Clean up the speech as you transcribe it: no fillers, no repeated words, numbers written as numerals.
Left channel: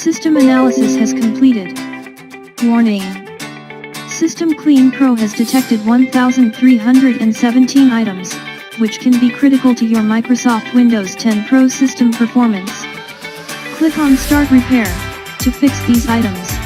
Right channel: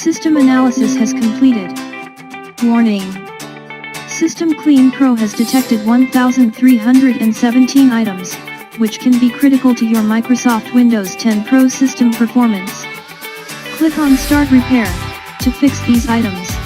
System analysis has completed. Warning. System Clean Pro has detected 1,317 items, which can be critical to your Microsoft Windows 10 Pro system performance. Click on Start Repair to fix these items.